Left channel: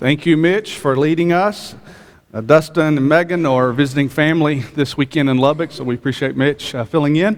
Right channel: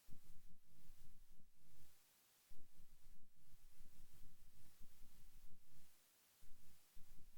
Thank you, Mitch, for leading us. Dustin and Megan are visiting family this weekend in Lubbock, so we appreciate Mitch filling in.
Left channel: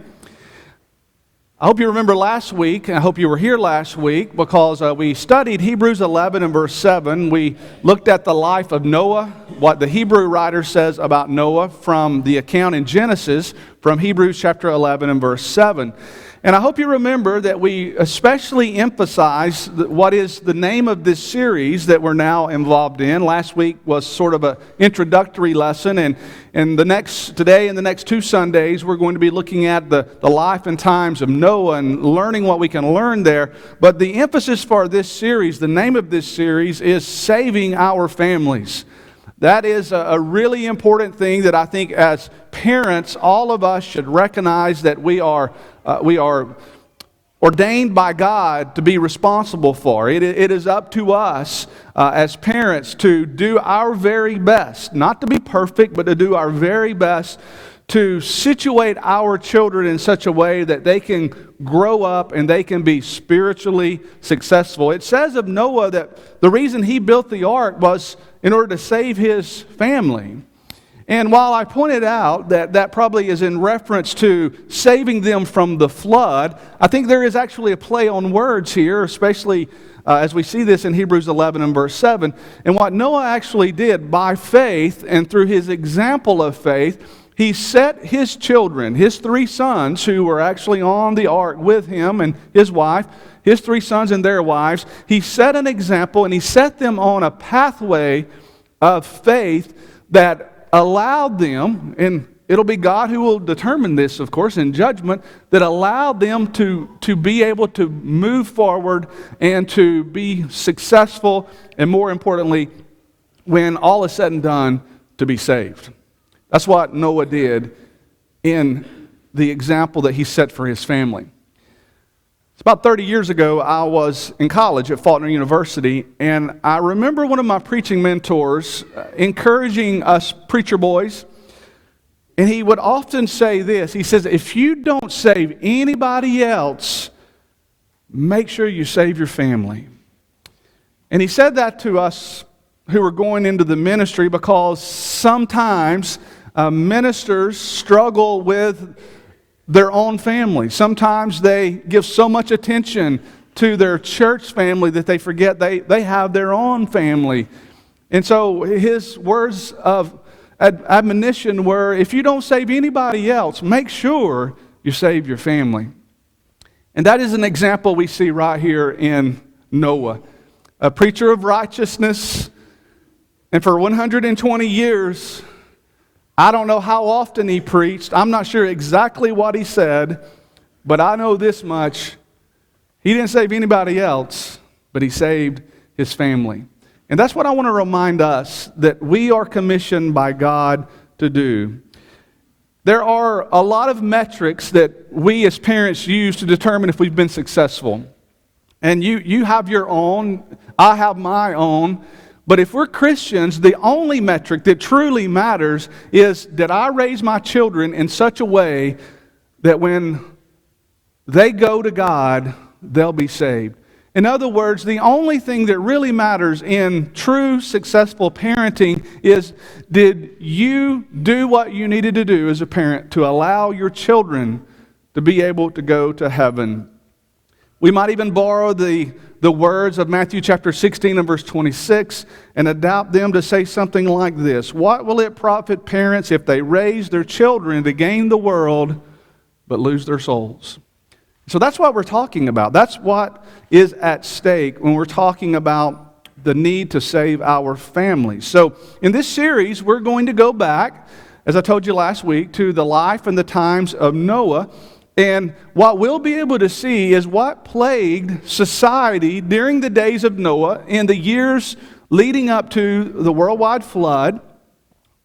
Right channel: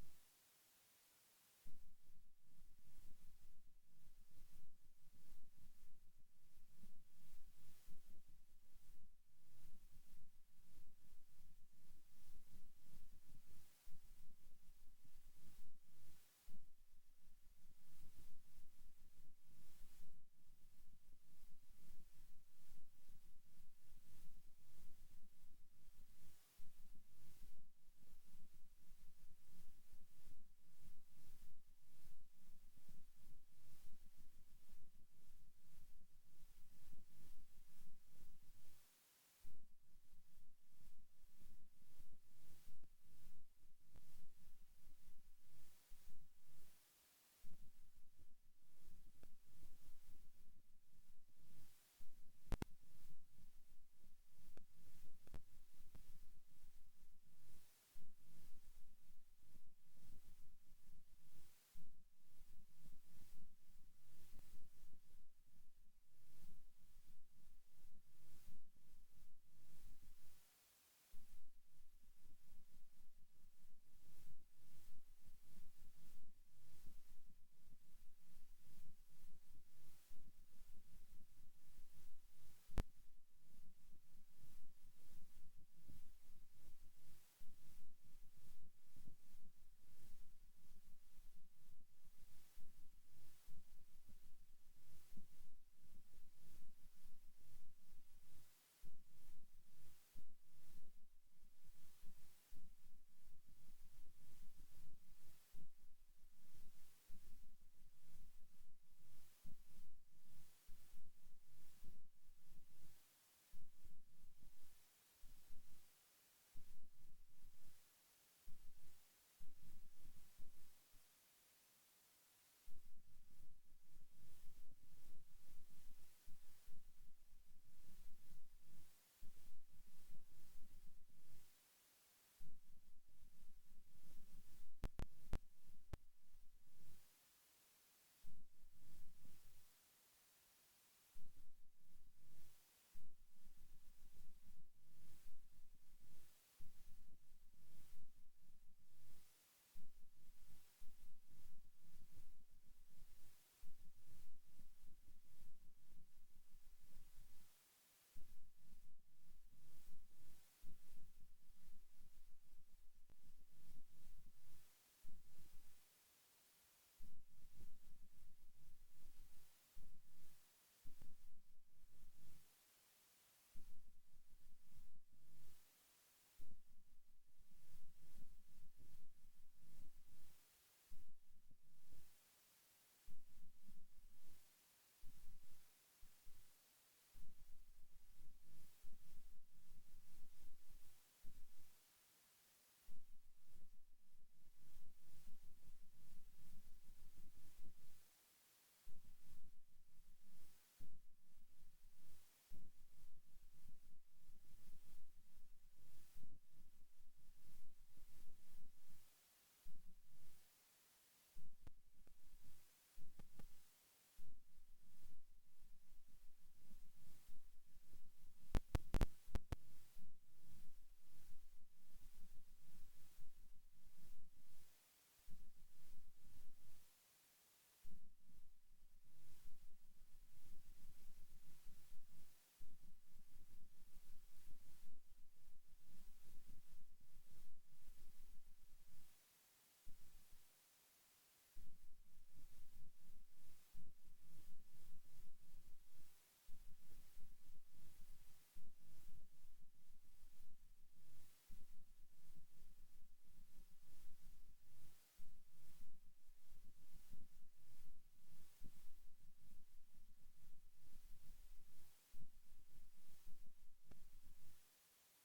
I hope you remember last week, and I hope you were here last week, because we studied Hebrews 11 and verse 7. We looked at the life of Noah, what the Hebrew writer says about Noah from the account in Genesis from Hebrews chapter 11 and verse 7. And I hope you remember that we especially emphasize what is the name of this series that we're now involved in. Last week was sort of an introductory lesson, and today and the next two Sundays, we're going to be looking at the life and times of Noah and learning what we can learn there. But the emphasis for this series, the name of this series, is saving our families. That is a really important thing that I think as parents, all of us should recognize that we are ordained by God to be responsible for. It is up to us as parents to do our very best, not to be perfect, but to do our very best to situate our children in such a way that they can grow up and they can be spiritually successful. It says of Noah that the reason he built the ark was in order to save his family. And while I pointed out that probably is in reference to saving them from the flood, I think there is actually a play on words here, especially as we see this in Hebrews 11 and verse 7. And what Noah actually did by faith and through his example of faith, he set his children, his three sons who were actually on the ark with him and his wife, his three sons and their wives, he set an example and he set them on a pathway of faith that allowed them, and it'll be God who will determine this, of course, in judgment, that allowed them to be able to move forward and to be successful, and more importantly, when all is said and done, to be saved. That's what Noah did in the example that he set for his family. It's about 30 years ago, I was in college at Faulkner University, and I remember one of my preaching mentors encouraging us preacher boys, and he would often say this. He says, if you don't save anybody else, make sure you save your family. And he said that to us who were going into the ministry because sometimes ministers struggle with their own family. Sometimes they give so much attention to their church family that they forget they have their own family. And so his words of admonition were, if you don't save anybody else, make sure you save your family. And that is an example we see right here in Noah, a preacher of righteousness. And for 120 years, I don't know how often he preached. I'm not sure exactly what he said, but I know this much. He didn't save anybody else, but he saved his family. And that's what I want to remind us that we are commissioned by God to do. There are a lot of metrics that we as parents use to determine if we've been successful. And you have your own, I have my own. But if we're Christians, the only metric that truly matters is, did I raise my children in such a way that when they go to God, they'll be saved? In other words, the only thing that really matters in true successful parenting is, did you do what you needed to do as a parent to allow your children to be able to go to heaven? We might even borrow the words of Matthew chapter 16 and verse 26 and adapt them to say something like this. What will it profit parents if they raise their children to gain the world but lose their souls? So that's what we're talking about. That's what is at stake when we're talking about the need to save our families. So in this series, we're going to go back, as I told you last week, to the life and the times of Noah. And what we'll be able to see is what plagued society during the days of Noah in the years leading up to the worldwide flood.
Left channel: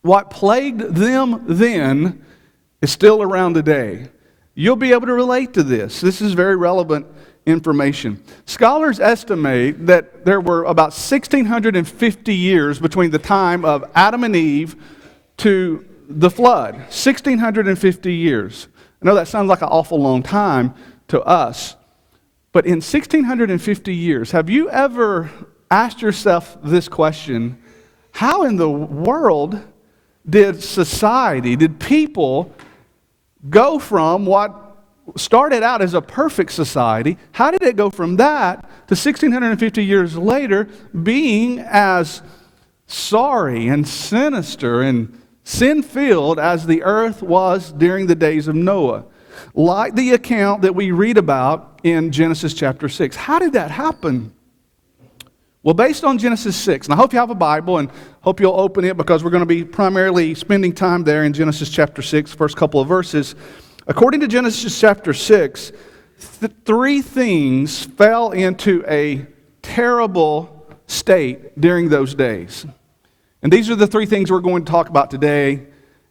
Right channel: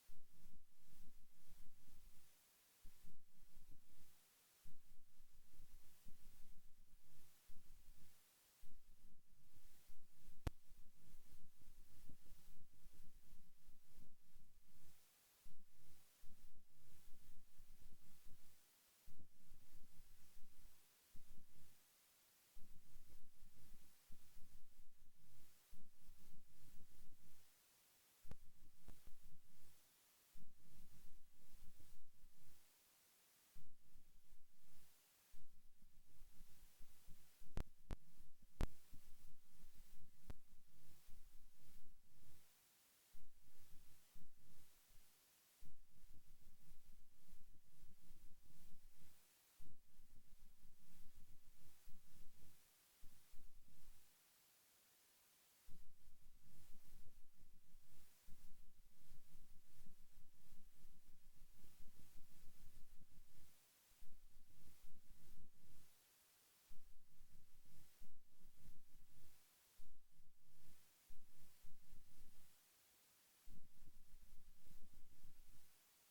What plagued them then is still around today. You'll be able to relate to this. This is very relevant information. Scholars estimate that there were about 1,650 years between the time of Adam and Eve to the flood. 1,650 years. I know that sounds like an awful long time to us, but in 1,650 years, have you ever asked yourself this question? How in the world did people go from what started out as a perfect society? How did it go from that to 1,650 years later being as sorry and sinister and sin-filled as the earth was during the days of Noah? Like the account that we read about in Genesis chapter 6. How did that happen? Well, based on Genesis 6, and I hope you have a Bible and hope you'll open it because we're going to be primarily spending time there in Genesis chapter 6, first couple of verses. According to Genesis chapter 6, three things fell into a terrible state during those days. And these are the three things we're going to talk about today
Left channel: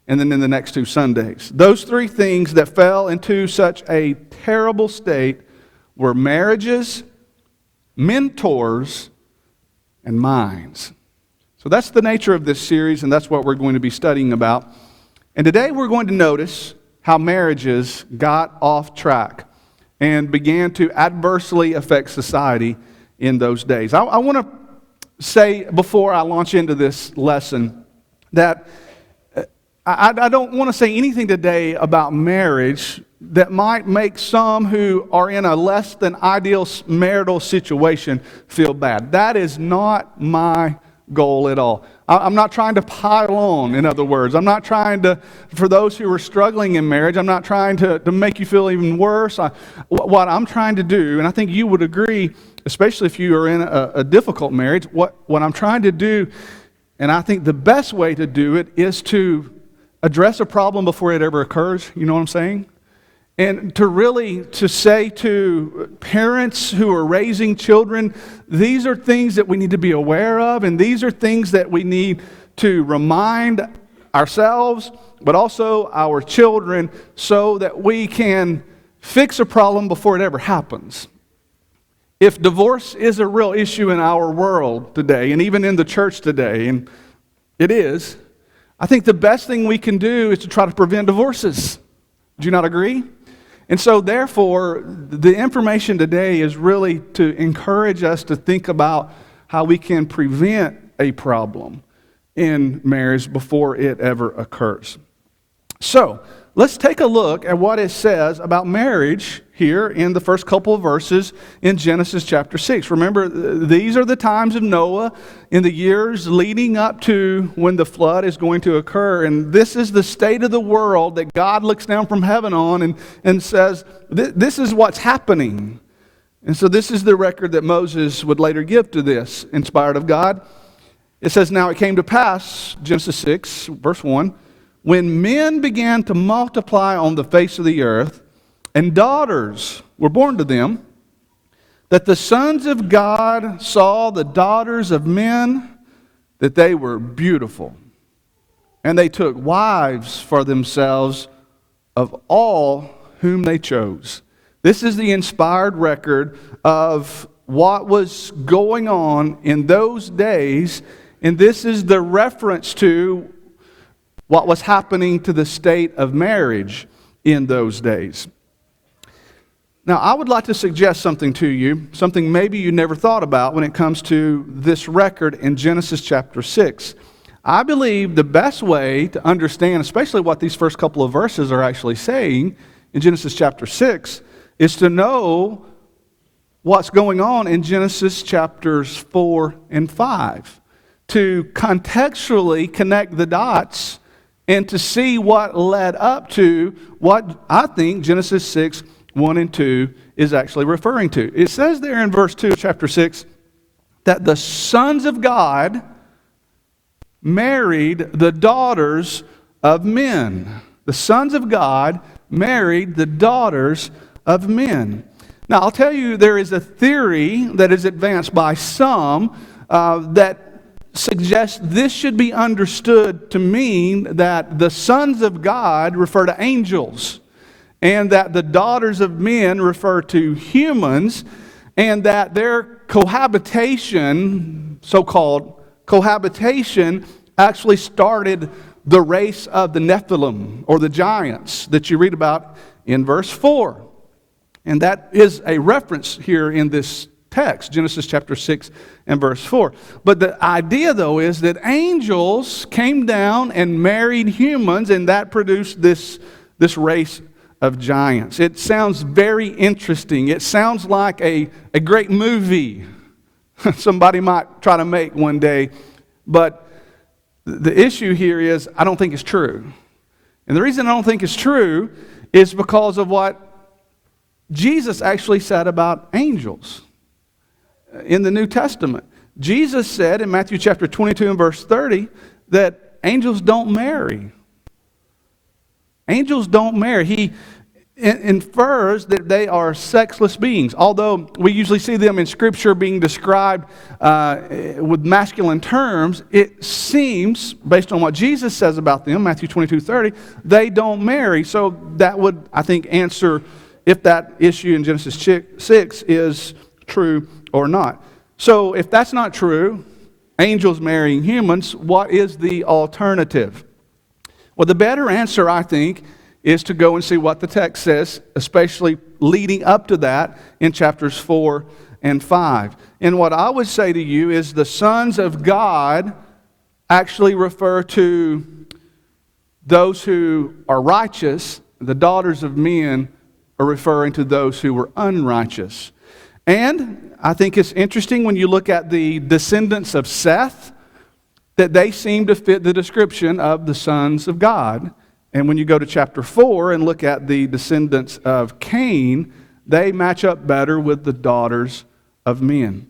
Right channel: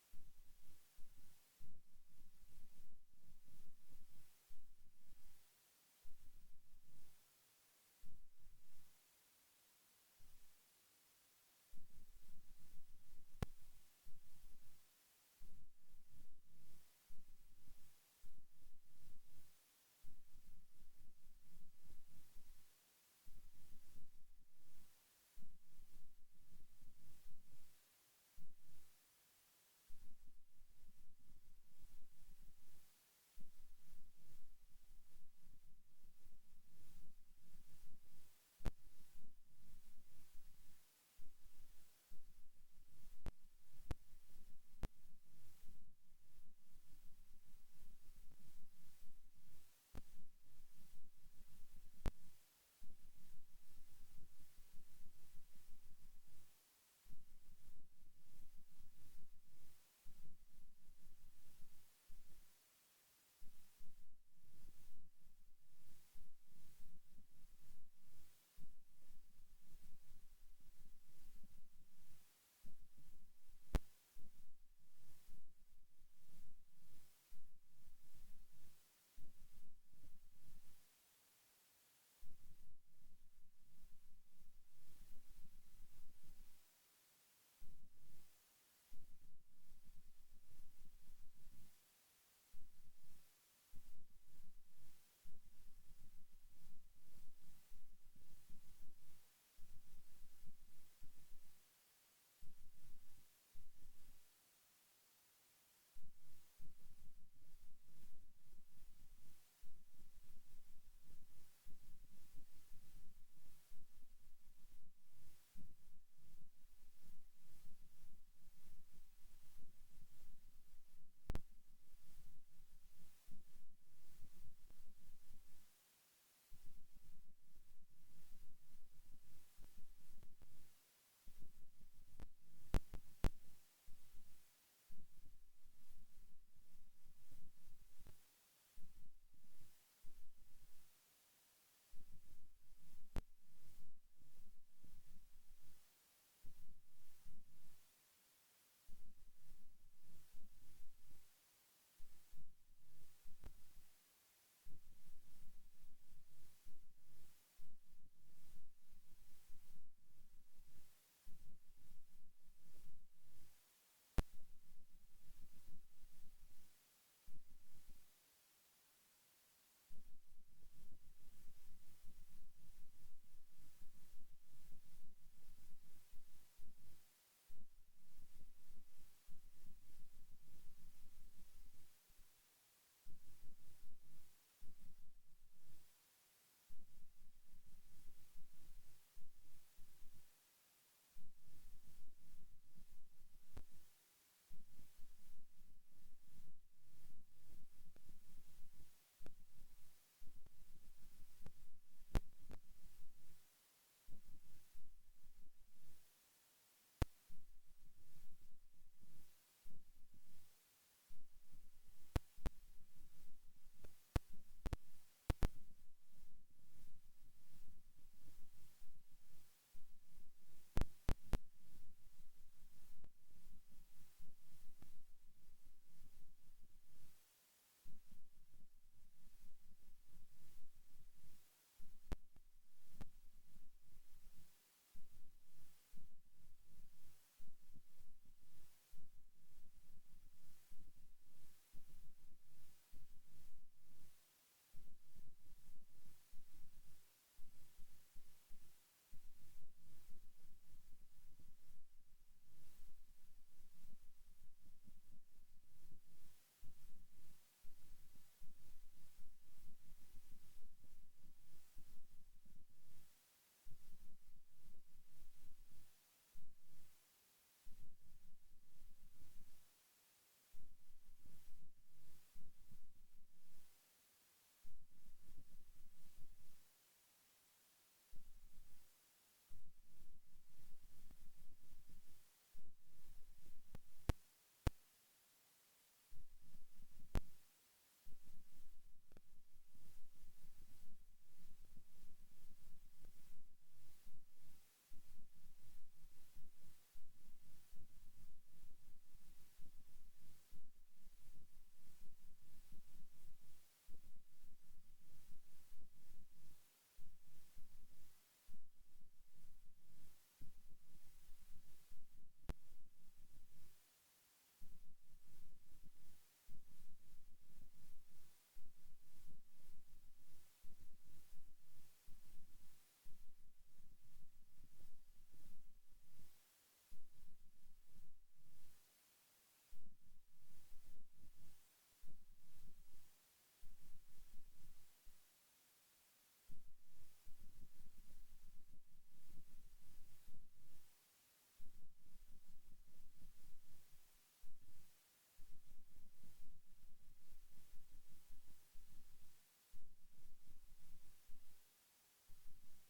and then in the next 2 Sundays. Those three things that fell into such a terrible state were marriages, mentors, and minds. So that's the nature of this series, and that's what we're going to be studying about. And today we're going to notice how marriages got off track and began to adversely affect society in those days. I want to say before I launch into this lesson that I don't want to say anything today about marriage that might make some who are in a less than ideal marital situation feel bad. That is not my goal at all. I'm not trying to pile on, in other words. I'm not trying to, for those who are struggling in marriage, I'm not trying to make you feel even worse. What I'm trying to do, and I think you would agree, especially if you are in a difficult marriage, what I'm trying to do, and I think the best way to do it is to address a problem before it ever occurs. You know what I'm saying? And to say to parents who are raising children, these are things that we need to be aware of, and these are things that we need to remind ourselves, but also our children, so that we can fix a problem before it ever happens. If divorce is a real issue in our world today, and even in the church today, and it is, I think the best thing we can do is to try to prevent divorces. Do you not agree? And so therefore, the information today is really to encourage us to think about how we can prevent a problem in marriage before it ever occurs. So, let's take a look at what it says about marriage here in the first couple of verses in Genesis chapter 6. Remember, these are the times of Noah in the years leading up to when the flood is going to occur. And this is the state of the world that God looks down from heaven on and says, this is what's happening. And so this is the record that Moses would later give to this, inspired of God. It says, now it came to pass, Genesis 6, verse 1, when men began to multiply on the face of the earth, and daughters were born to them, that the sons of God saw the daughters of men, that they were beautiful. And they took wives for themselves of all whom they chose. This is the inspired record of what was going on in those days, and this is the reference to what was happening to the state of marriage in those days. Now, I would like to suggest something to you, something maybe you never thought about when it comes to this record in Genesis chapter 6. I believe the best way to understand, especially what these first couple of verses are actually saying in Genesis chapter 6, is to know what's going on in Genesis chapters 4 and 5. To contextually connect the dots and to see what led up to what I think Genesis 6, 1 and 2 is actually referring to. It says there in verse 2 of chapter 6 that the sons of God married the daughters of men. The sons of God married the daughters of men. Now, I'll tell you, there is a theory that is advanced by some that suggests this should be understood to mean that the sons of God refer to angels, and that the daughters of men refer to humans, and that their cohabitation, so-called cohabitation, actually started the race of the Nephilim, or the giants, that you read about in verse 4. And that is a reference here in this text, Genesis chapter 6 and verse 4. But the idea, though, is that angels came down and married humans, and that produced this race of giants. It sounds very interesting. It sounds like a great movie somebody might try to make one day. But the issue here is I don't think it's true. And the reason I don't think it's true is because of what Jesus actually said about angels in the New Testament. Jesus said in Matthew chapter 22 and verse 30 that angels don't marry. Angels don't marry. He infers that they are sexless beings, although we usually see them in Scripture being described with masculine terms. It seems, based on what Jesus says about them, Matthew 22:30, they don't marry. So that would, I think, answer if that issue in Genesis 6 is true or not. So if that's not true, angels marrying humans, what is the alternative? Well, the better answer, I think, is to go and see what the text says, especially leading up to that in chapters 4 and 5. And what I would say to you is the sons of God actually refer to those who are righteous. The daughters of men are referring to those who were unrighteous. And I think it's interesting when you look at the descendants of Seth, that they seem to fit the description of the sons of God. And when you go to chapter 4 and look at the descendants of Cain, they match up better with the daughters of men.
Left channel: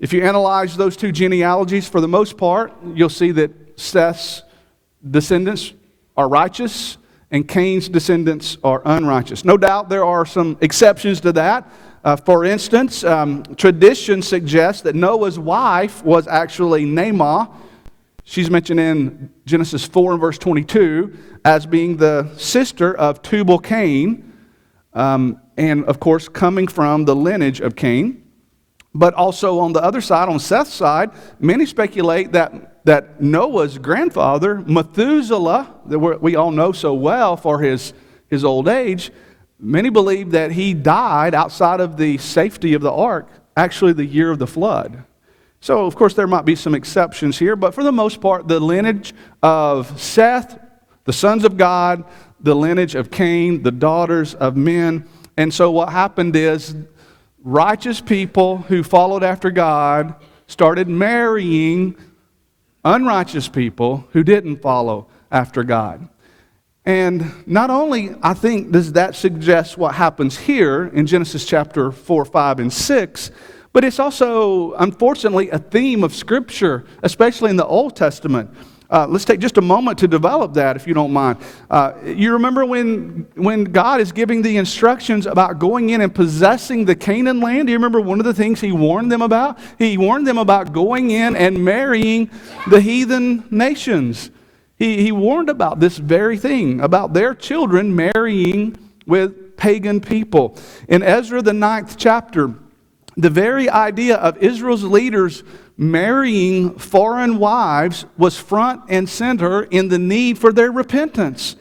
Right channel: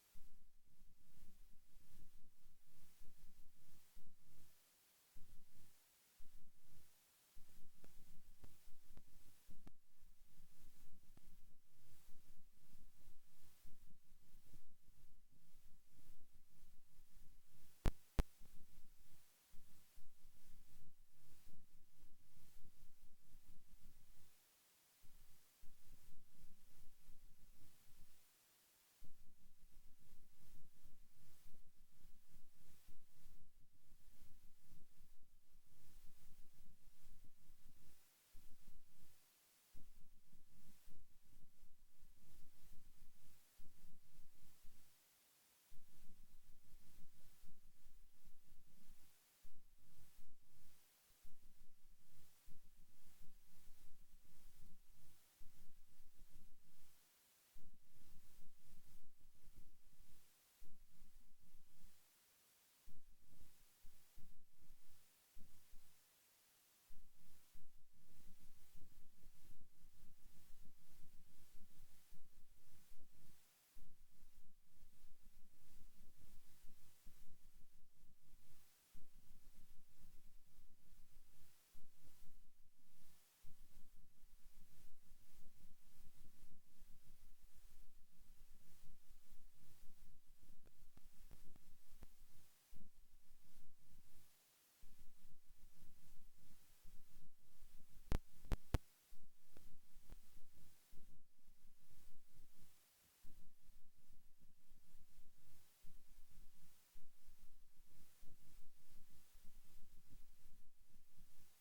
If you analyze those two genealogies, for the most part, you'll see that Seth's descendants are righteous and Cain's descendants are unrighteous. No doubt there are some exceptions to that. For instance, tradition suggests that Noah's wife was actually Naamah. She's mentioned in Genesis 4 and verse 22 as being the sister of Tubal-Cain, and of course coming from the lineage of Cain. But also on the other side, on Seth's side, many speculate that Noah's grandfather, Methuselah, that we all know so well for his old age, many believe that he died outside of the safety of the ark, actually the year of the flood. So, of course, there might be some exceptions here, but for the most part, the lineage of Seth, the sons of God, the lineage of Cain, the daughters of men. And so what happened is righteous people who followed after God started marrying unrighteous people who didn't follow after God. And not only, I think, does that suggest what happens here in Genesis chapter 4, 5, and 6, but it's also, unfortunately, a theme of Scripture, especially in the Old Testament. Let's take just a moment to develop that, if you don't mind. You remember when God is giving the instructions about going in and possessing the Canaan land? Do you remember one of the things He warned them about? He warned them about going in and marrying the heathen nations. He warned about this very thing, about their children marrying with pagan people. In Ezra, the 9th chapter, the very idea of Israel's leaders marrying foreign wives was front and center in the need for their repentance.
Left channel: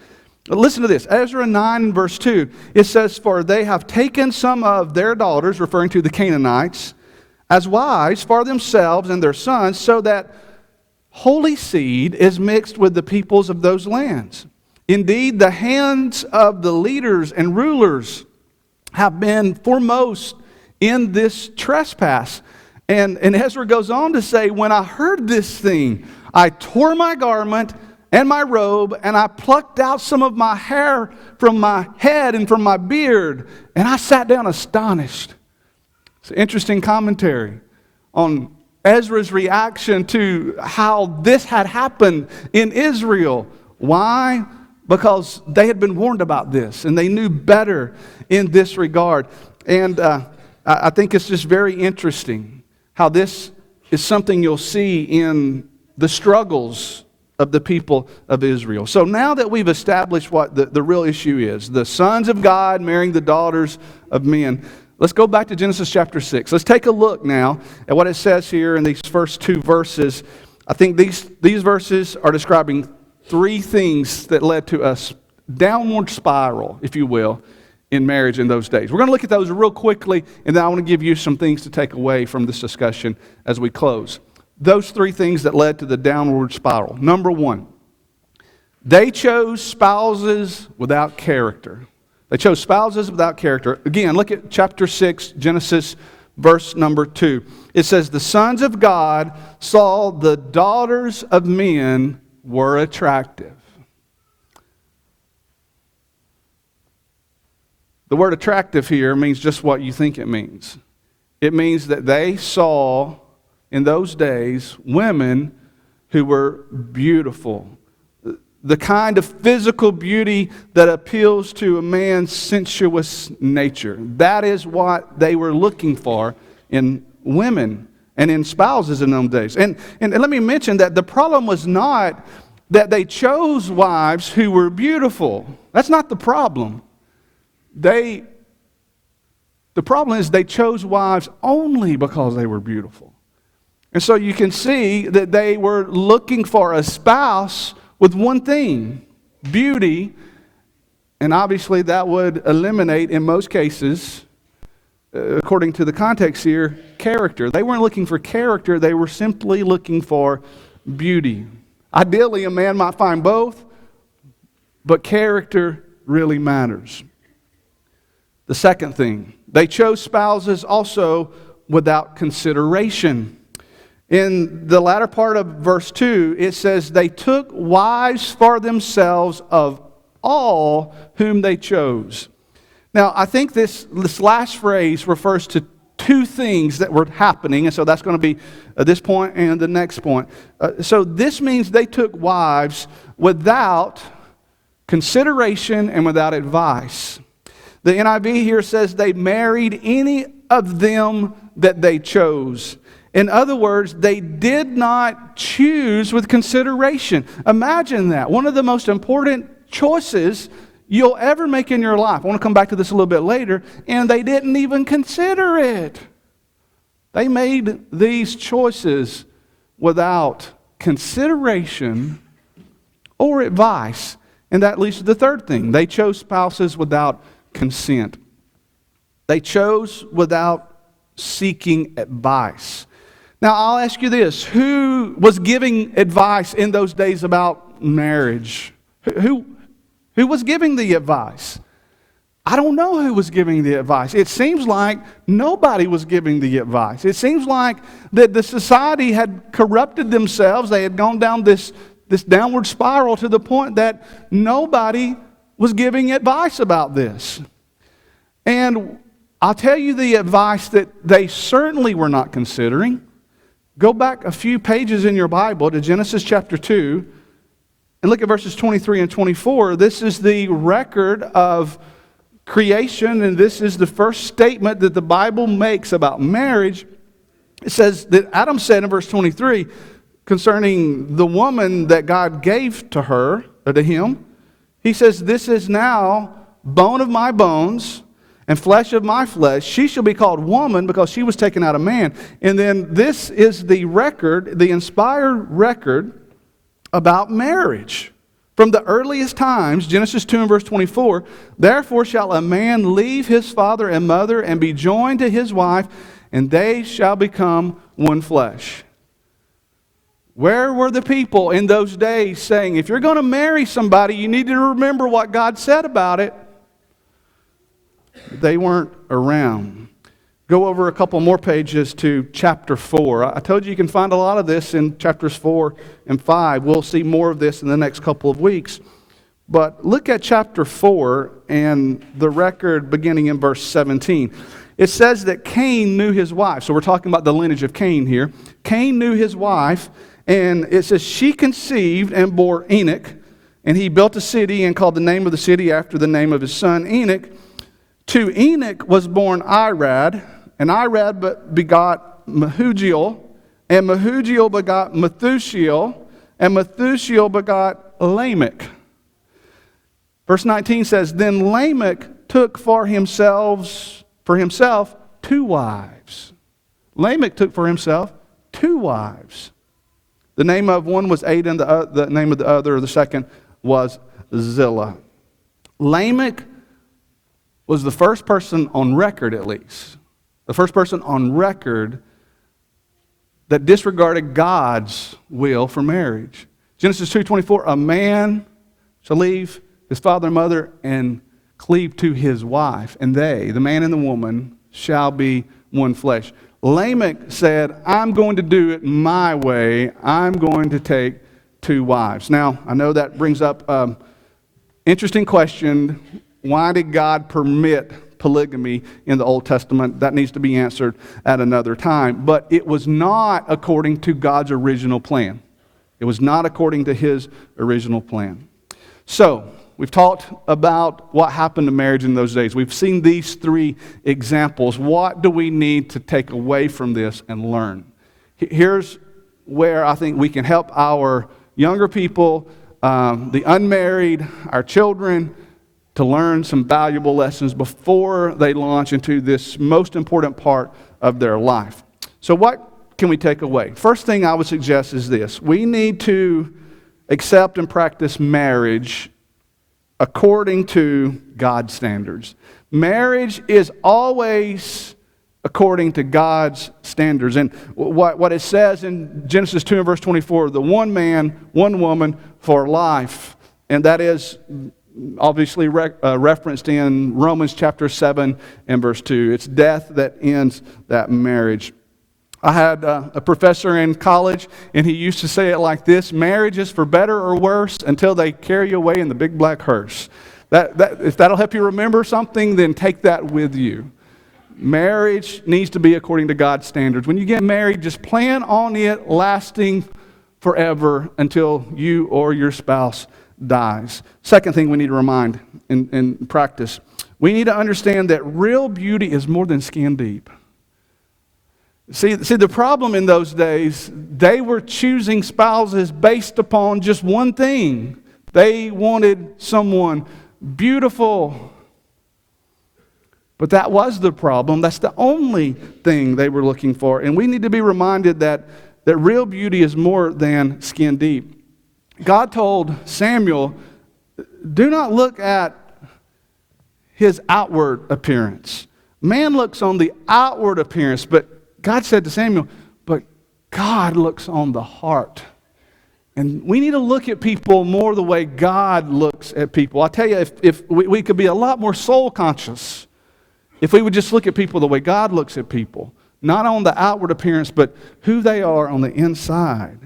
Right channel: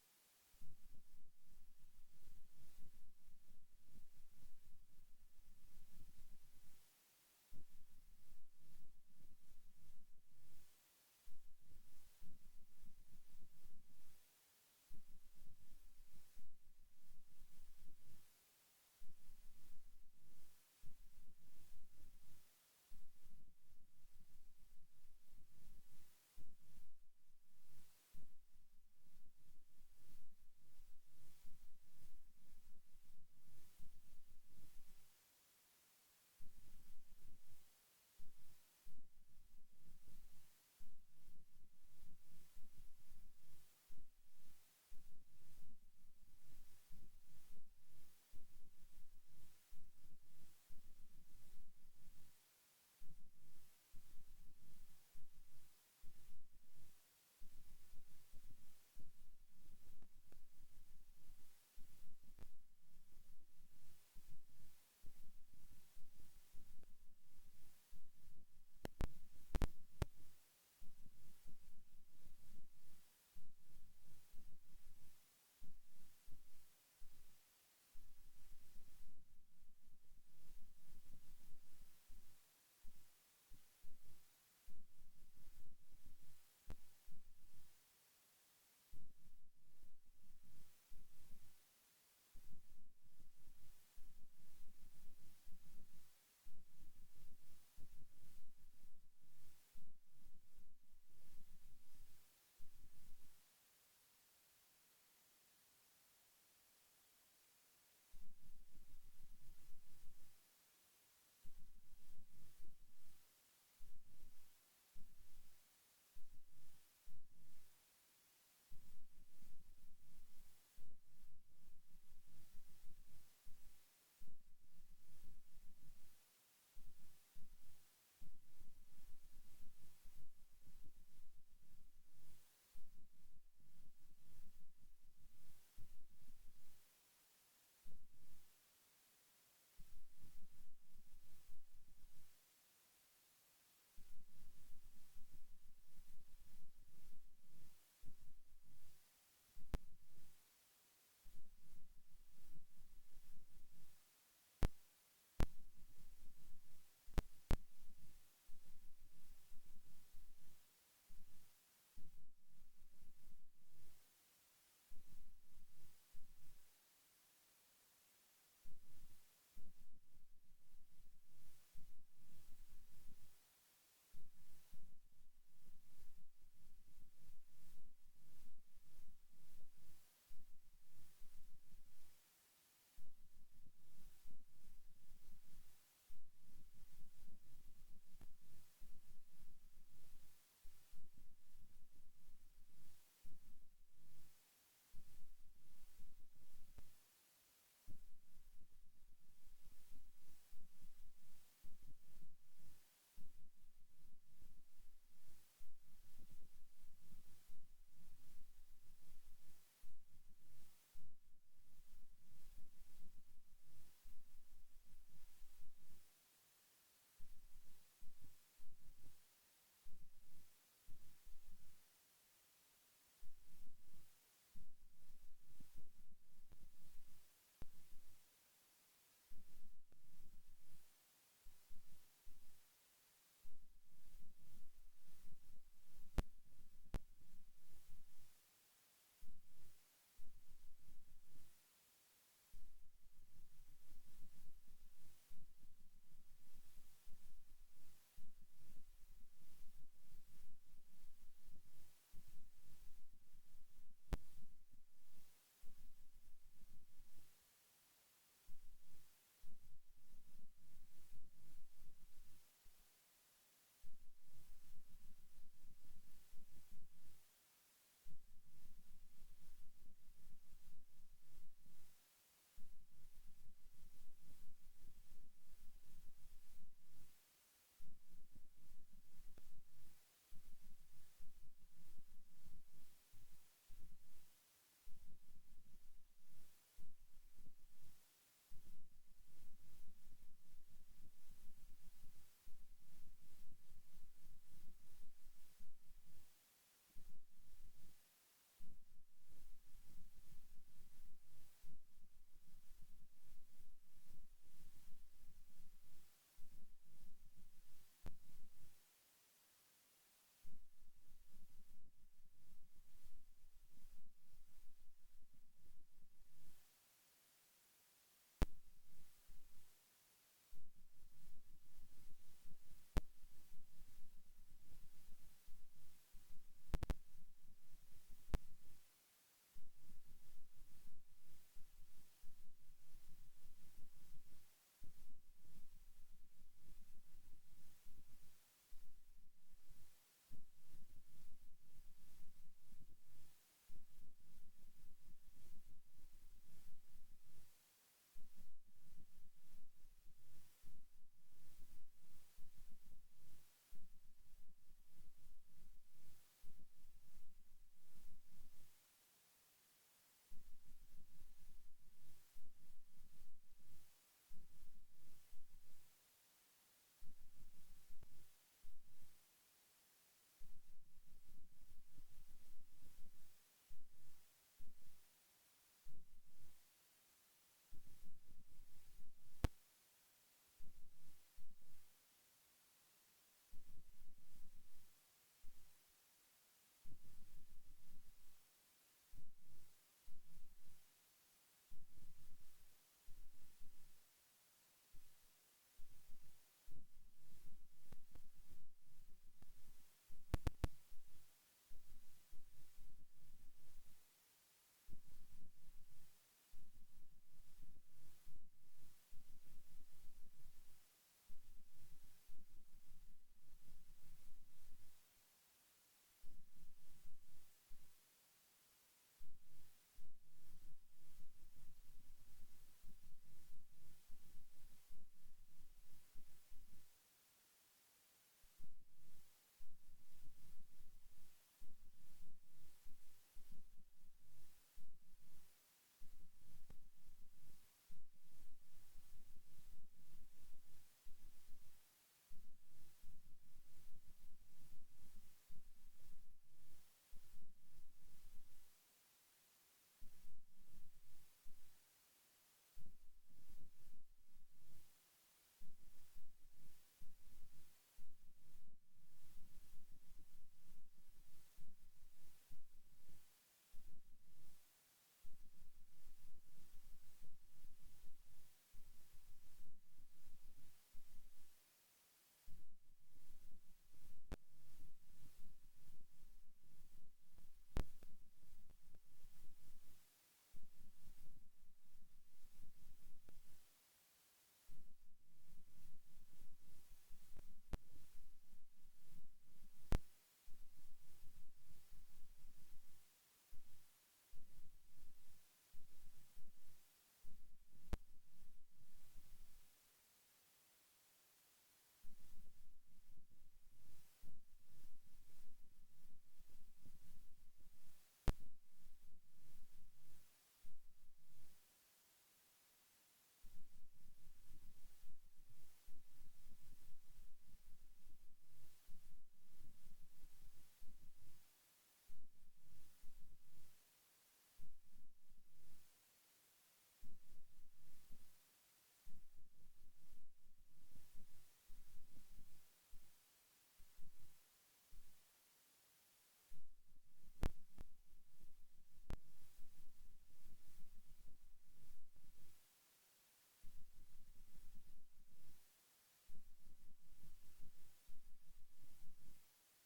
Listen to this, Ezra 9 verse 2. It says, "For they have taken some of their daughters," referring to the Canaanites, "as wives for themselves and their sons, so that holy seed is mixed with the peoples of those lands. Indeed, the hands of the leaders and rulers have been foremost in this trespass." And Ezra goes on to say, "When I heard this thing, I tore my garment and my robe, and I plucked out some of my hair from my head and from my beard, and I sat down astonished." It's an interesting commentary on Ezra's reaction to how this had happened in Israel. Why? Because they had been warned about this, and they knew better in this regard. And I think it's just very interesting how this is something you'll see in the struggles of the people of Israel. So now that we've established what the real issue is, the sons of God marrying the daughters of men, let's go back to Genesis chapter 6. Let's take a look now at what it says here in these first two verses. I think these verses are describing three things that led to a downward spiral, if you will, in marriage in those days. We're going to look at those real quickly, and then I want to give you some things to take away from this discussion as we close. Those three things that led to the downward spiral. Number one, they chose spouses without character. They chose spouses without character. Again, look at chapter 6, Genesis, verse number 2. It says, the sons of God saw the daughters of men were attractive. The word attractive here means just what you think it means. It means that they saw, in those days, women who were beautiful. The kind of physical beauty that appeals to a man's sensuous nature. That is what they were looking for in women and in spouses in those days. And let me mention that the problem was not that they chose wives who were beautiful. That's not the problem. The problem is they chose wives only because they were beautiful. And so you can see that they were looking for a spouse with one thing, beauty, and obviously that would eliminate, in most cases, according to the context here, character. They weren't looking for character, they were simply looking for beauty. Ideally, a man might find both, but character really matters. The second thing, they chose spouses also without consideration. In the latter part of verse 2, it says, they took wives for themselves of all whom they chose. Now, I think this last phrase refers to two things that were happening, and so that's going to be this point and the next point. So this means they took wives without consideration and without advice. The NIV here says they married any of them that they chose. In other words, they did not choose with consideration. Imagine that. One of the most important choices you'll ever make in your life. I want to come back to this a little bit later. And they didn't even consider it. They made these choices without consideration or advice. And that leads to the third thing. They chose spouses without consent. They chose without seeking advice. Now, I'll ask you this. Who was giving advice in those days about marriage? Who was giving the advice? I don't know who was giving the advice. It seems like nobody was giving the advice. It seems like that the society had corrupted themselves. They had gone down this downward spiral to the point that nobody was giving advice about this. And I'll tell you the advice that they certainly were not considering. Go back a few pages in your Bible to Genesis chapter 2 and look at verses 23 and 24. This is the record of creation, and this is the first statement that the Bible makes about marriage. It says that Adam said in verse 23 concerning the woman that God gave to her, or to him, he says, this is now bone of my bones and flesh of my flesh. She shall be called woman because she was taken out of man. And then this is the record, the inspired record about marriage. From the earliest times, Genesis 2 and verse 24, therefore shall a man leave his father and mother and be joined to his wife, and they shall become one flesh. Where were the people in those days saying, if you're going to marry somebody, you need to remember what God said about it? They weren't around. Go over a couple more pages to chapter 4. I told you can find a lot of this in chapters 4 and 5. We'll see more of this in the next couple of weeks. But look at chapter 4 and the record beginning in verse 17. It says that Cain knew his wife. So we're talking about the lineage of Cain here. Cain knew his wife, and it says she conceived and bore Enoch, and he built a city and called the name of the city after the name of his son Enoch. To Enoch was born Irad, and Irad begot Mehujael, and Mehujael begot Methushael, and Methushael begot Lamech. Verse 19 says, then Lamech took for himself 2 wives. Lamech took for himself 2 wives. The name of one was Ada, and the name of the other, or the second, was Zillah. Lamech was the first person on record, at least, the first person on record that disregarded God's will for marriage. Genesis 2:24, a man shall leave his father and mother and cleave to his wife, and they, the man and the woman, shall be one flesh. Lamech said, I'm going to do it my way. I'm going to take two wives. Now, I know that brings up an interesting question. Why did God permit polygamy in the Old Testament? That needs to be answered at another time. But it was not according to God's original plan. It was not according to his original plan. So, we've talked about what happened to marriage in those days. We've seen these three examples. What do we need to take away from this and learn? Here's where I think we can help our younger people, the unmarried, our children, to learn some valuable lessons before they launch into this most important part of their life. So what can we take away? First thing I would suggest is this. We need to accept and practice marriage according to God's standards. Marriage is always according to God's standards. And what it says in Genesis 2 and verse 24, the one man, one woman for life. And that is obviously referenced in Romans chapter 7 and verse 2. It's death that ends that marriage. I had a professor in college, and he used to say it like this: marriage is for better or worse until they carry you away in the big black hearse. If that'll help you remember something, then take that with you. Marriage needs to be according to God's standards. When you get married, just plan on it lasting forever until you or your spouse dies. Second thing we need to remind and practice, we need to understand that real beauty is more than skin deep. See, the problem in those days, they were choosing spouses based upon just one thing. They wanted someone beautiful. But that was the problem. That's the only thing they were looking for. And we need to be reminded that real beauty is more than skin deep. God told Samuel, do not look at his outward appearance. Man looks on the outward appearance, but God said to Samuel, but God looks on the heart. And we need to look at people more the way God looks at people. I tell you, if we could be a lot more soul conscious if we would just look at people the way God looks at people, not on the outward appearance, but who they are on the inside.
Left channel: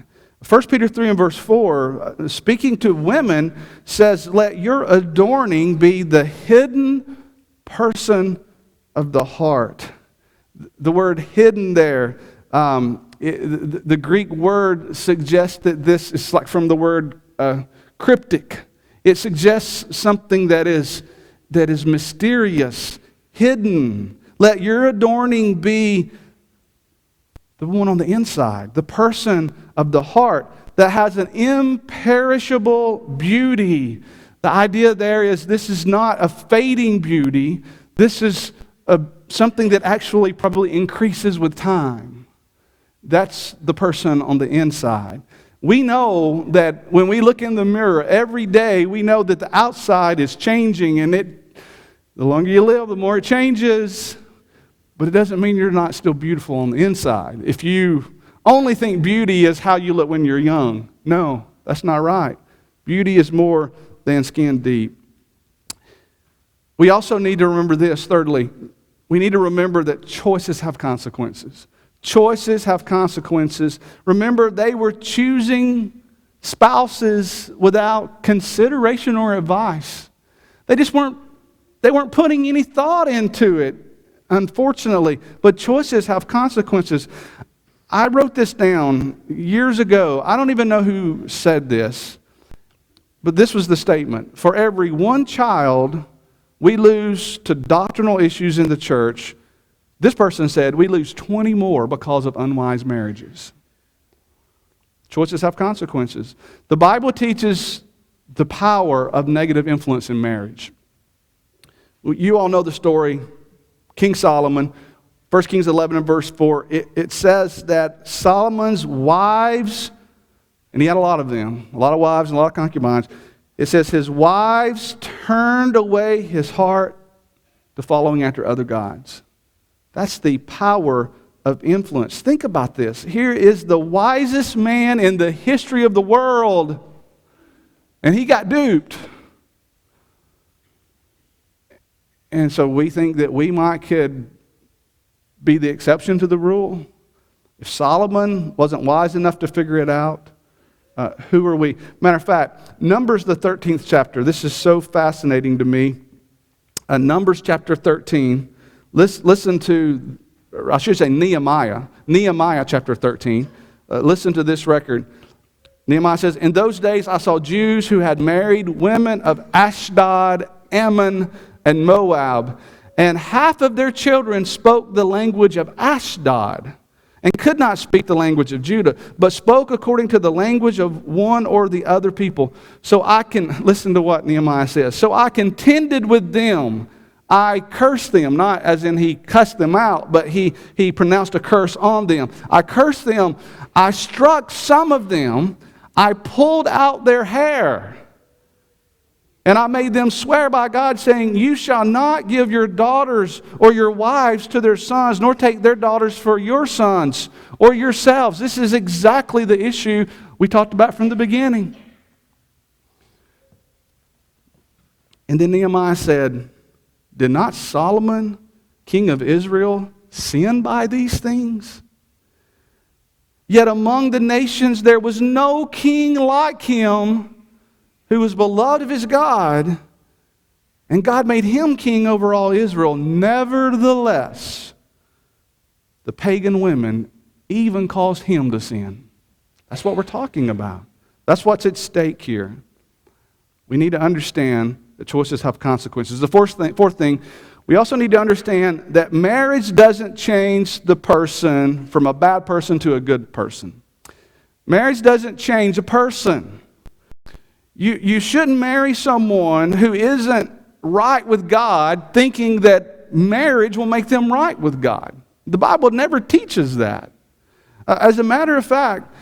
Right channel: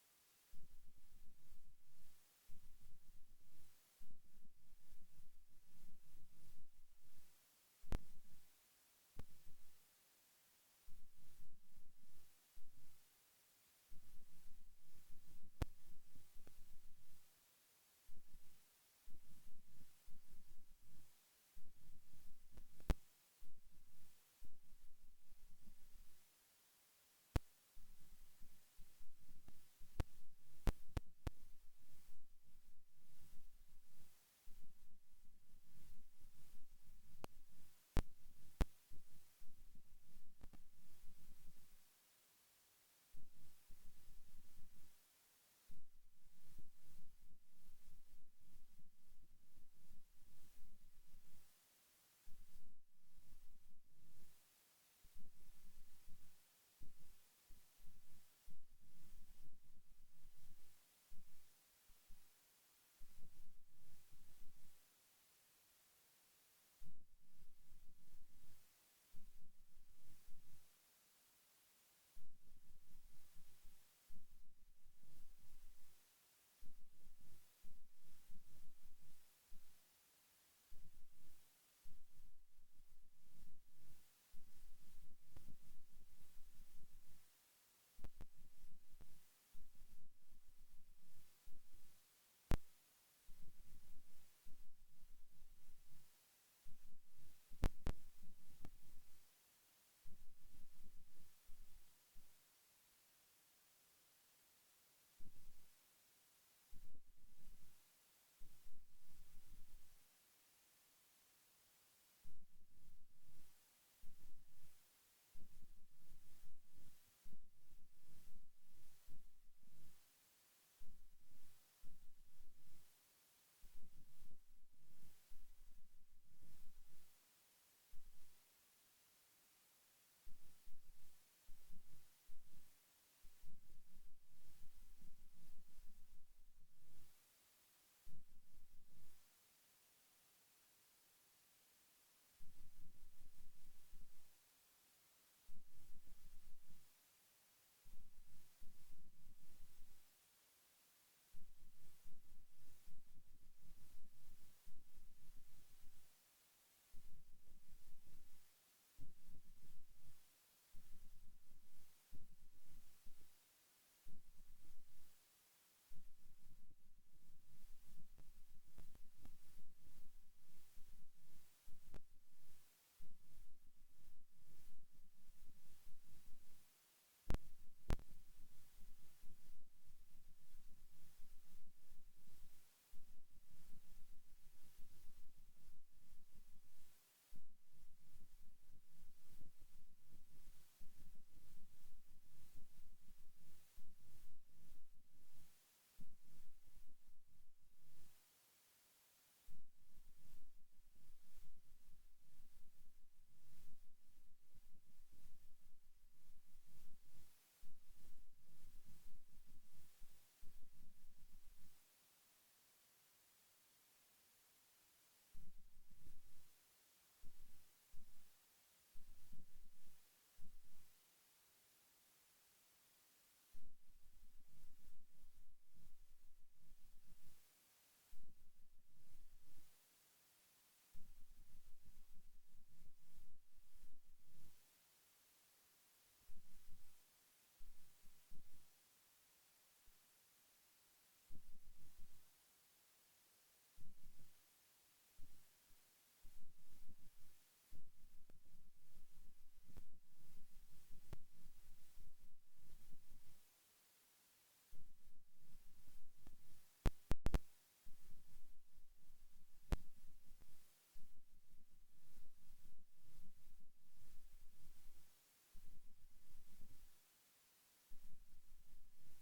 1 Peter 3 and verse 4, speaking to women, says, let your adorning be the hidden person of the heart. The word hidden there, the Greek word suggests that this is like from the word cryptic. It suggests something that is mysterious, hidden. Let your adorning be the one on the inside, the person of the heart that has an imperishable beauty. The idea there is this is not a fading beauty. This is something that actually probably increases with time. That's the person on the inside. We know that when we look in the mirror every day, we know that the outside is changing, and the longer you live, the more it changes. But it doesn't mean you're not still beautiful on the inside. If you only think beauty is how you look when you're young, no, that's not right. Beauty is more than skin deep. We also need to remember this, thirdly. We need to remember that choices have consequences. Choices have consequences. Remember, they were choosing spouses without consideration or advice. They weren't putting any thought into it, unfortunately. But choices have consequences. I wrote this down years ago. I don't even know who said this, but this was the statement. For every one child we lose to doctrinal issues in the church, this person said, we lose 20 more because of unwise marriages. Choices have consequences. The Bible teaches the power of negative influence in marriage. You all know the story. King Solomon, 1 Kings 11 and verse 4, it says that Solomon's wives, and he had a lot of them, a lot of wives and a lot of concubines. It says his wives turned away his heart to following after other gods. That's the power of influence. Think about this. Here is the wisest man in the history of the world, and he got duped. And so we think that we could be the exception to the rule. If Solomon wasn't wise enough to figure it out, who are we? Matter of fact, Numbers, the 13th chapter. This is so fascinating to me. Numbers chapter 13. Listen to, I should say Nehemiah. Nehemiah chapter 13. Listen to this record. Nehemiah says, "In those days I saw Jews who had married women of Ashdod, Ammon, and Moab, and half of their children spoke the language of Ashdod and could not speak the language of Judah, but spoke according to the language of one or the other people. So I can," listen to what Nehemiah says, "so I contended with them. I cursed them," not as in he cussed them out, but he pronounced a curse on them. "I cursed them. I struck some of them. I pulled out their hair. And I made them swear by God, saying, 'You shall not give your daughters or your wives to their sons, nor take their daughters for your sons or yourselves.'" This is exactly the issue we talked about from the beginning. And then Nehemiah said, "Did not Solomon, king of Israel, sin by these things? Yet among the nations there was no king like him, who was beloved of his God, and God made him king over all Israel. Nevertheless, the pagan women even caused him to sin." That's what we're talking about. That's what's at stake here. We need to understand that choices have consequences. The fourth thing, we also need to understand that marriage doesn't change the person from a bad person to a good person. Marriage doesn't change a person. You shouldn't marry someone who isn't right with God thinking that marriage will make them right with God. The Bible never teaches that. As a matter of fact,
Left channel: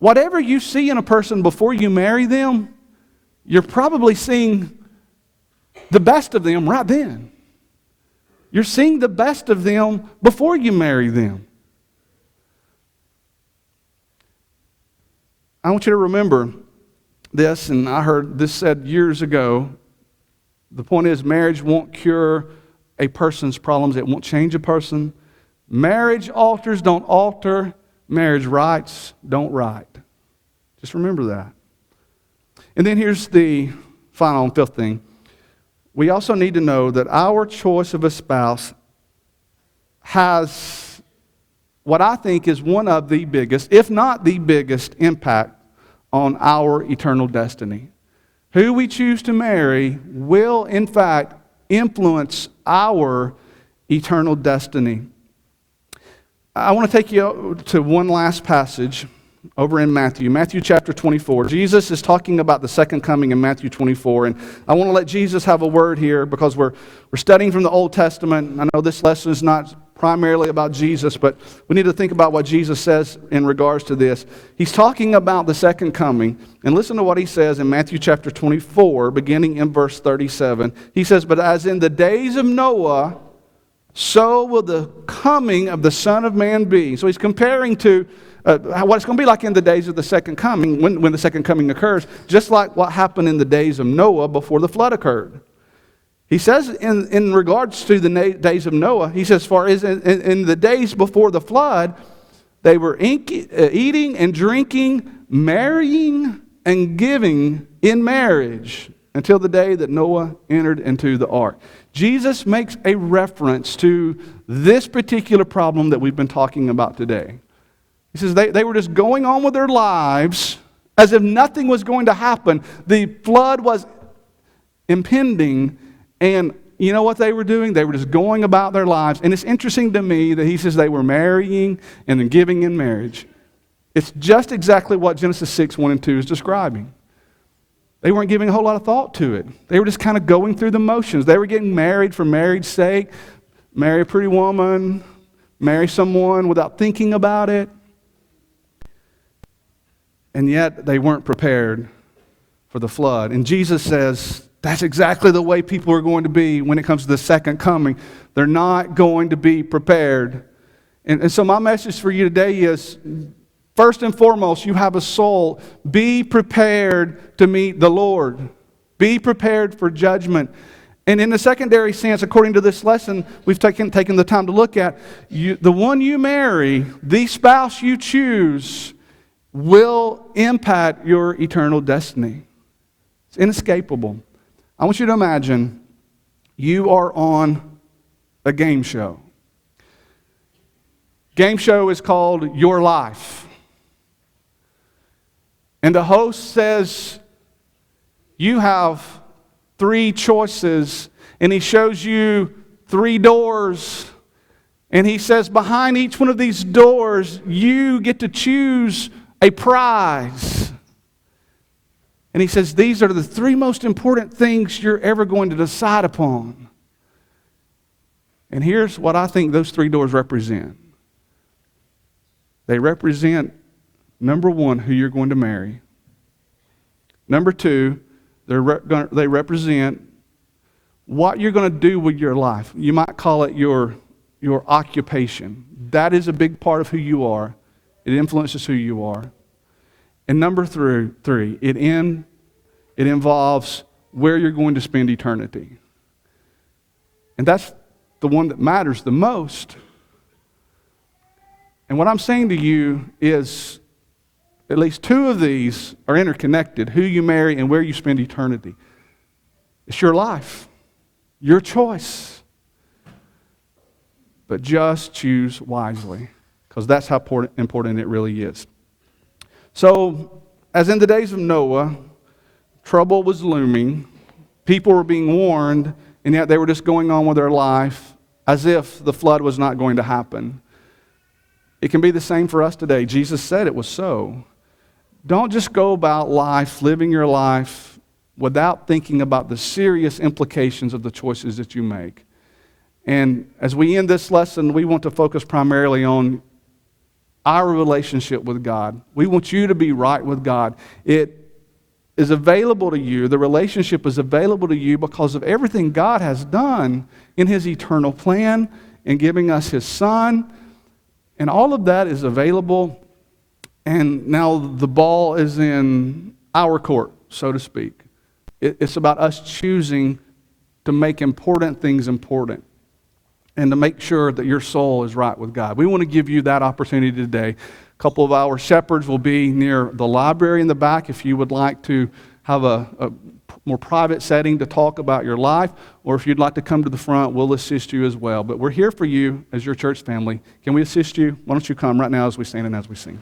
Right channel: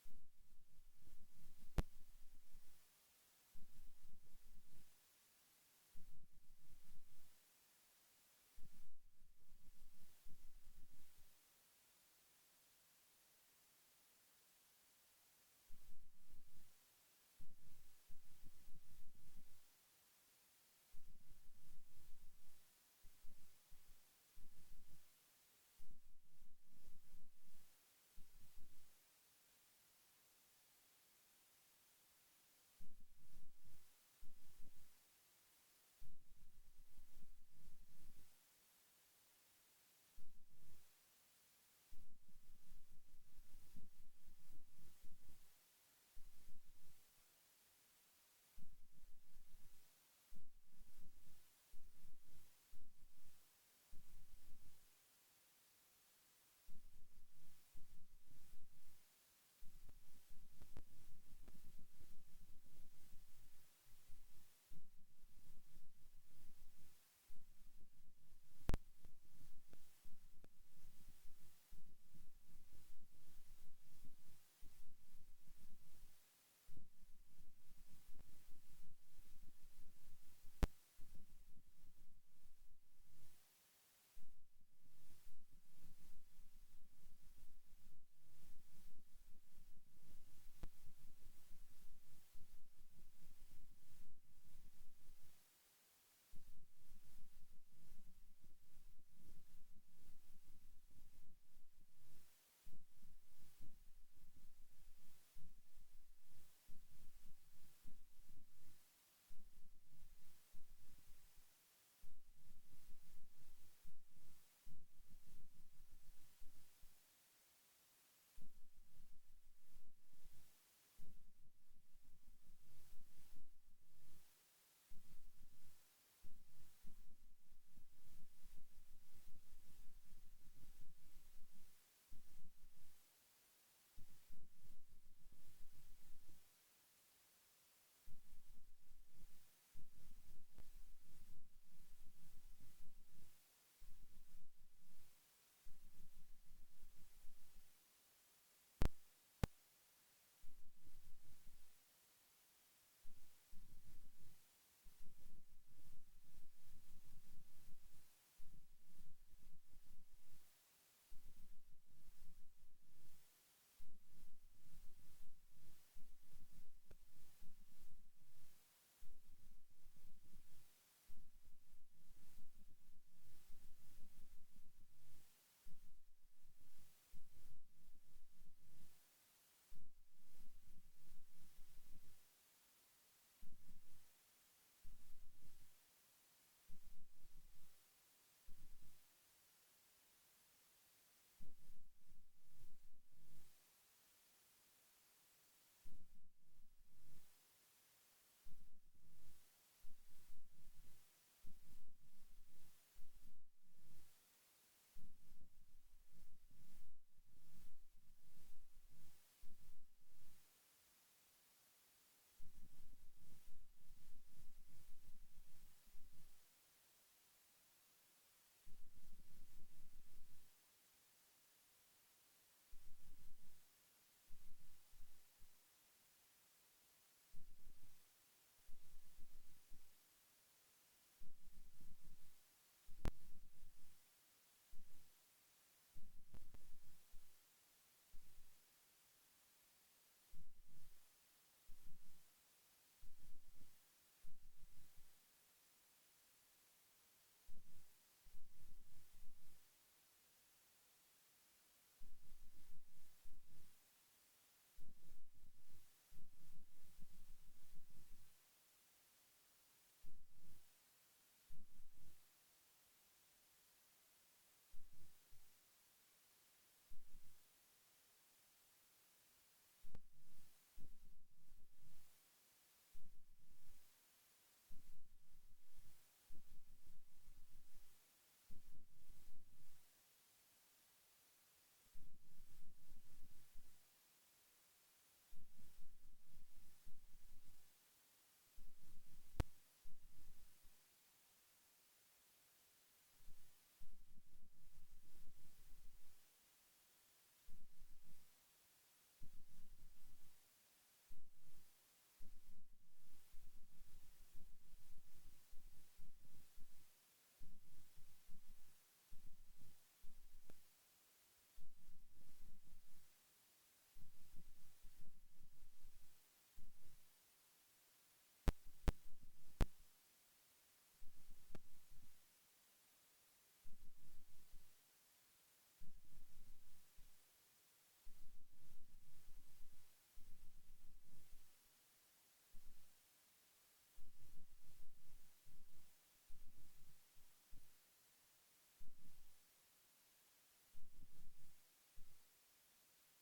whatever you see in a person before you marry them, you're probably seeing the best of them right then. You're seeing the best of them before you marry them. I want you to remember this, and I heard this said years ago. The point is, marriage won't cure a person's problems. It won't change a person. Marriage altars don't alter. Marriage rights don't right. Just remember that. And then here's the final and fifth thing. We also need to know that our choice of a spouse has what I think is one of the biggest, if not the biggest, impact on our eternal destiny. Who we choose to marry will, in fact, influence our eternal destiny. I want to take you to one last passage over in Matthew chapter 24. Jesus is talking about the second coming in Matthew 24, and I want to let Jesus have a word here because we're studying from the Old Testament. I know this lesson is not primarily about Jesus, but we need to think about what Jesus says in regards to this. He's talking about the second coming, and listen to what he says in Matthew chapter 24, beginning in verse 37. He says, "But as in the days of Noah, so will the coming of the Son of Man be." So he's comparing to what it's going to be like in the days of the second coming, when the second coming occurs, just like what happened in the days of Noah before the flood occurred. He says in regards to the days of Noah, he says, "For as in the days before the flood, they were eating and drinking, marrying and giving in marriage until the day that Noah entered into the ark." Jesus makes a reference to this particular problem that we've been talking about today. He says they were just going on with their lives as if nothing was going to happen. The flood was impending, and you know what they were doing? They were just going about their lives. And it's interesting to me that he says they were marrying and then giving in marriage. It's just exactly what Genesis 6, 1 and 2 is describing. They weren't giving a whole lot of thought to it. They were just kind of going through the motions. They were getting married for marriage's sake, marry a pretty woman, marry someone without thinking about it. And yet they weren't prepared for the flood. And Jesus says that's exactly the way people are going to be when it comes to the second coming. They're not going to be prepared. And so my message for you today is, first and foremost, you have a soul. Be prepared to meet the Lord. Be prepared for judgment. And in the secondary sense, according to this lesson we've taken the time to look at, the one you marry, the spouse you choose, will impact your eternal destiny. It's inescapable. I want you to imagine you are on a game show. Game show is called Your Life. And the host says, you have 3 choices, and he shows you 3 doors, and he says behind each one of these doors, you get to choose a prize. And he says these are the 3 most important things you're ever going to decide upon. And here's what I think those 3 doors represent. They represent, number 1, who you're going to marry. Number 2, they represent what you're going to do with your life. You might call it your occupation. That is a big part of who you are. It influences who you are. And number 3, it involves where you're going to spend eternity. And that's the one that matters the most. And what I'm saying to you is at least 2 of these are interconnected, who you marry and where you spend eternity. It's your life, your choice. But just choose wisely, because that's how important it really is. So, as in the days of Noah, trouble was looming. People were being warned, and yet they were just going on with their life as if the flood was not going to happen. It can be the same for us today. Jesus said it was so. Don't just go about life, living your life, without thinking about the serious implications of the choices that you make. And as we end this lesson, we want to focus primarily on our relationship with God. We want you to be right with God. It is available to you. The relationship is available to you because of everything God has done in His eternal plan in giving us His Son. And all of that is available, and now the ball is in our court, so to speak. It's about us choosing to make important things important and to make sure that your soul is right with God. We want to give you that opportunity today. A couple of our shepherds will be near the library in the back if you would like to have a more private setting to talk about your life, or if you'd like to come to the front, we'll assist you as well. But we're here for you as your church family. Can we assist you? Why don't you come right now as we stand and as we sing?